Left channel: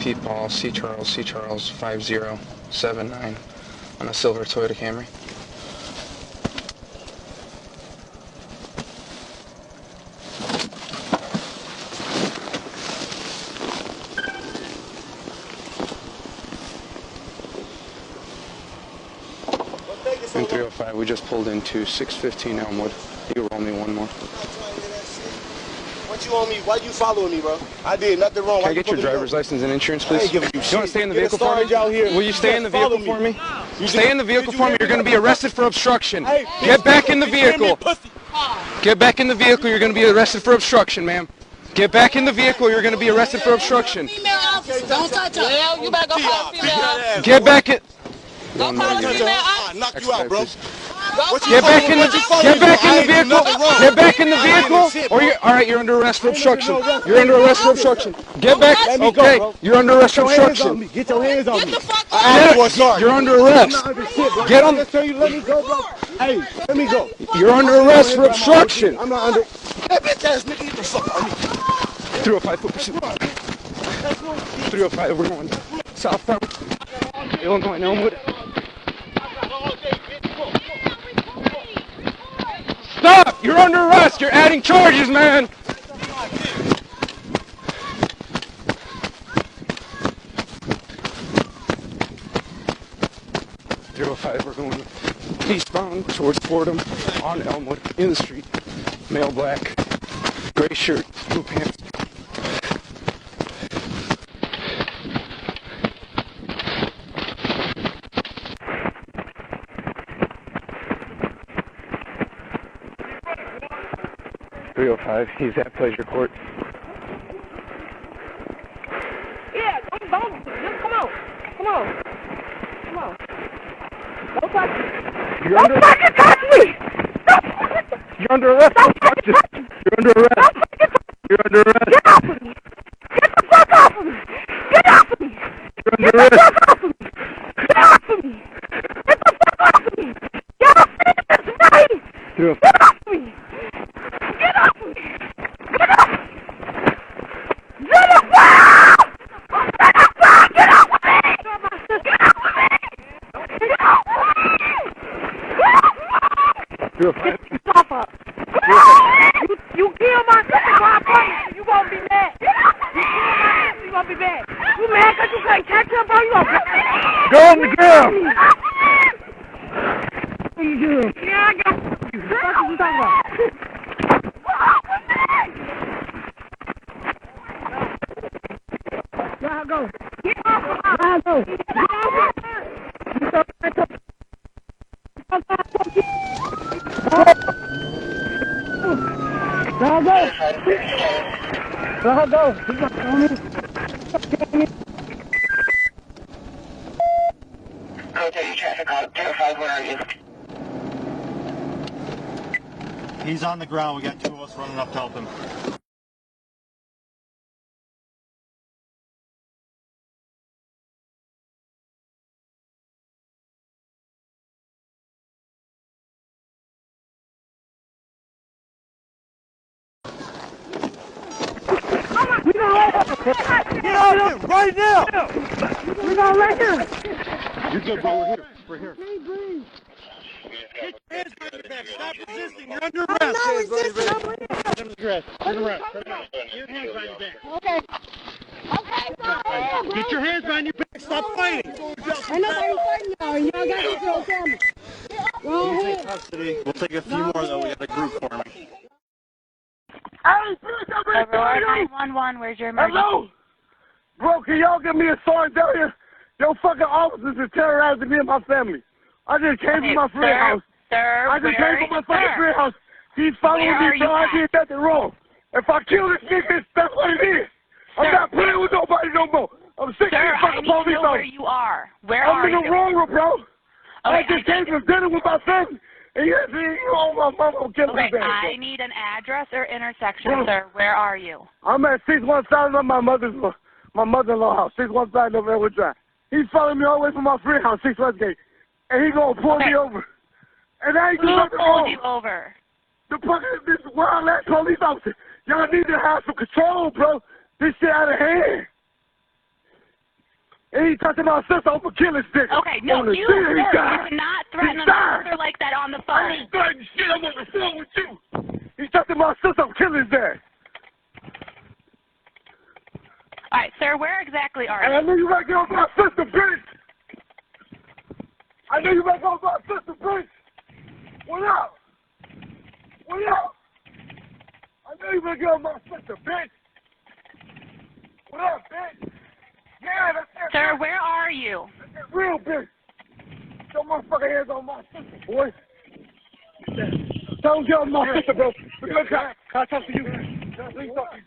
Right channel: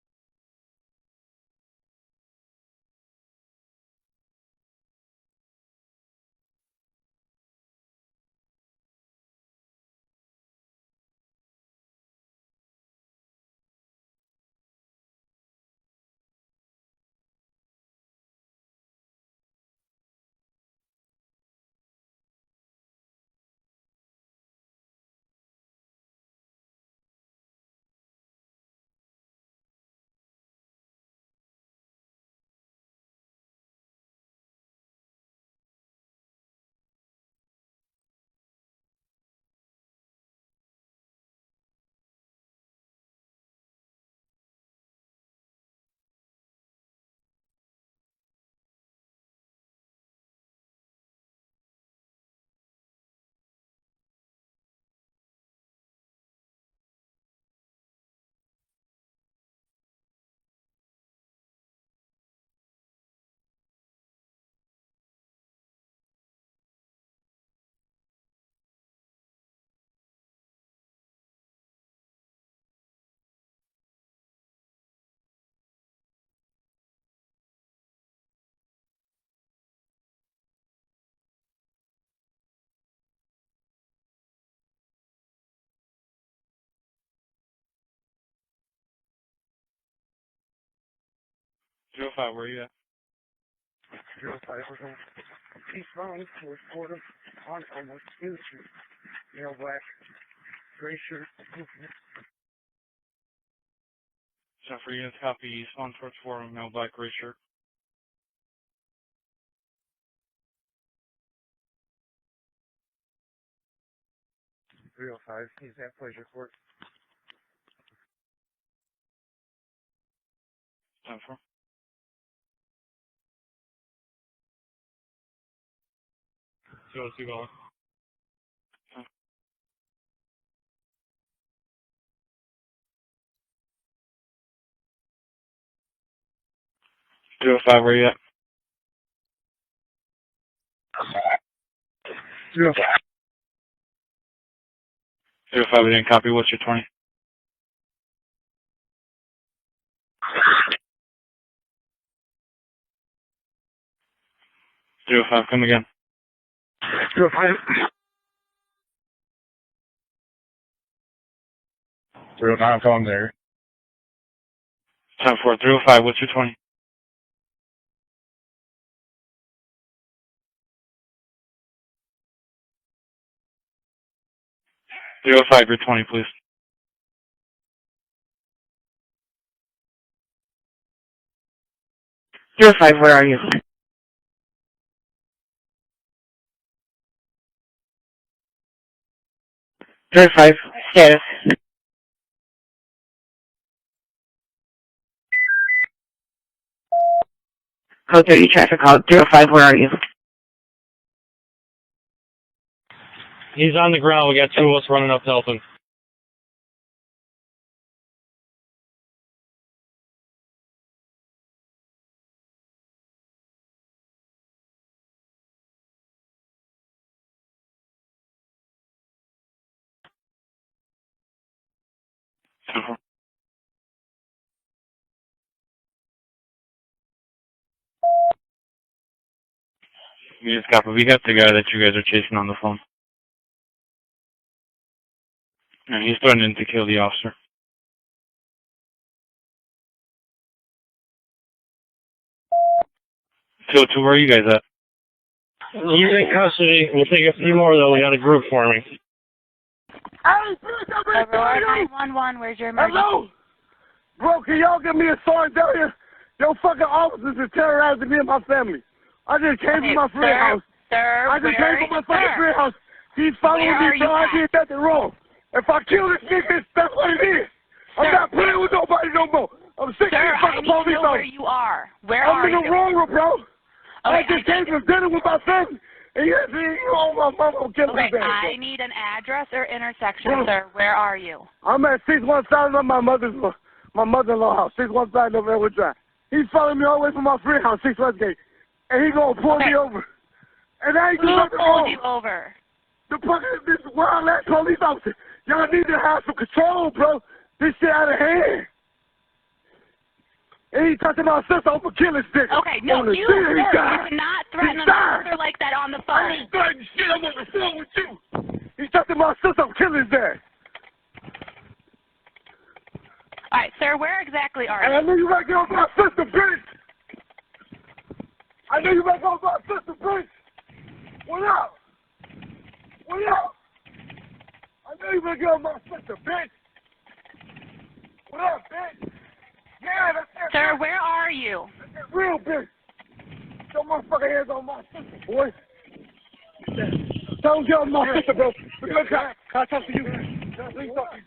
Pete Paul, C. Charles, 5079 on a silver Toyota Camry. And 305, we just pulled into 615 Elmwood. You roll me one more. What you on me? Why you following me, bro? I did nothing wrong. Can I get your driver's license and insurance, please? I ain't giving you shit. You want to stay in the vehicle for me? Out here. Will you stay in the vehicle for me? Stay in the vehicle for me. You're going to be arrested for obstruction. Hey, get back in the vehicle. Get back in the vehicle. You're going to be arrested for obstruction, ma'am. Get back in the vehicle. You're going to be arrested for obstruction. Don't touch her. Well, you better go call a female. Get back in. Go call a female. I'll knock you out, bro. Get back in the vehicle. Get back in the vehicle. Or you're all right. You're under arrest for obstruction. You're under arrest for obstruction. Get back. Okay. You're under arrest for obstruction. Get your hands on me. You're under arrest. Get on. Let me go, bro. Hey, let me go. You're under arrest for obstruction. I'm not under. That bitch ass nigga, get the fuck on me. 305 foot pursuit. 305. We're going southbound. Illinois, Elmwood. Stop! You're under arrest! You're adding charges, man! 305, we're going eastbound towards Fordham on Elmwood, in the street. Male black, gray shirt, blue pants. He's at Pleasure Court. Yeah, don't, come on. Don't touch me. Don't fucking touch me. You're under arrest. You're under arrest. You're under arrest. Get off of me. Get the fuck off of me. Get off of me. You're under arrest. Get off of me. Get off of me. Get the fuck off of me. Get off of me. Get off of me. Get off of me. 05, you copy, what's your 20? Get off of me! Get off of me! Get off of me! 05, come again. 305. You kill my sister, you won't be mad. 05, I'm calling you. You won't be mad. You mad? 10-4, 305, what's your 20? Go on the ground! Yeah, I got you. What are you talking about? 305, your 20, please. Where I go? Get off of me. Where I go? 05, where are you? 05, yeah. Where I go? Code 30 traffic call, 05, where are you? He's on the ground. We got two of us running up to help him. Get off him right now. We're going right here. You're good, bro. We're here. You just copy. We got the guy that you guys are chasing on the phone. Under arrest. Yeah, he's threatening to kill the officer. Okay. Get your hands behind your back. Stop fighting. So, where are you guys at? He's in custody. We'll take a few more, though. We got a group forming. Hey, 911, where's your emergency? hello? Bro, can y'all give me a sign down here? Yo, fucking officers are terrorizing me and my family. I just came from my friend's house. Sir, I just came from my fucking friend's house. He's following me, bro. I did nothing wrong. If I kill this nigga, that's what it is. I'm not playing with nobody no more. I'm sick of these fucking police know where you are. Where I'm are in the you? wrong room, bro. Okay, I just came from dinner with my family. And you know my mama will kill me. Okay, I need an address or intersection, sir. Where are you? I'm at 615 on my mother-in-law house, 615 November Drive. He's following me all the way from my friend's house, 6 Westgate. And he's going to pull me over. And I ain't doing nothing wrong. Who pulled you over? This wild-ass police officer. Y'all need to have some control, bro. This shit out of hand. And he touching my sister over killing stick. Okay, no, on the you, scene, sir, he you died. cannot threaten He an died. officer like that on the I phone. ain't threatening shit. I'm on the phone with you. He touching my sister. I'm killing his dad. All right, sir, where exactly are And you? I knew you were going to get on my sister, bitch. I knew you were going to get on my sister, bitch. What up? What up? I knew you were going to get on my sister, bitch. What up, bitch? Yeah, that's it. Sir, where are you? That's it, real bitch. Your motherfucking hands on my sister, boy. Don't get on my sister, bro. Can I talk to you? Please talk to you.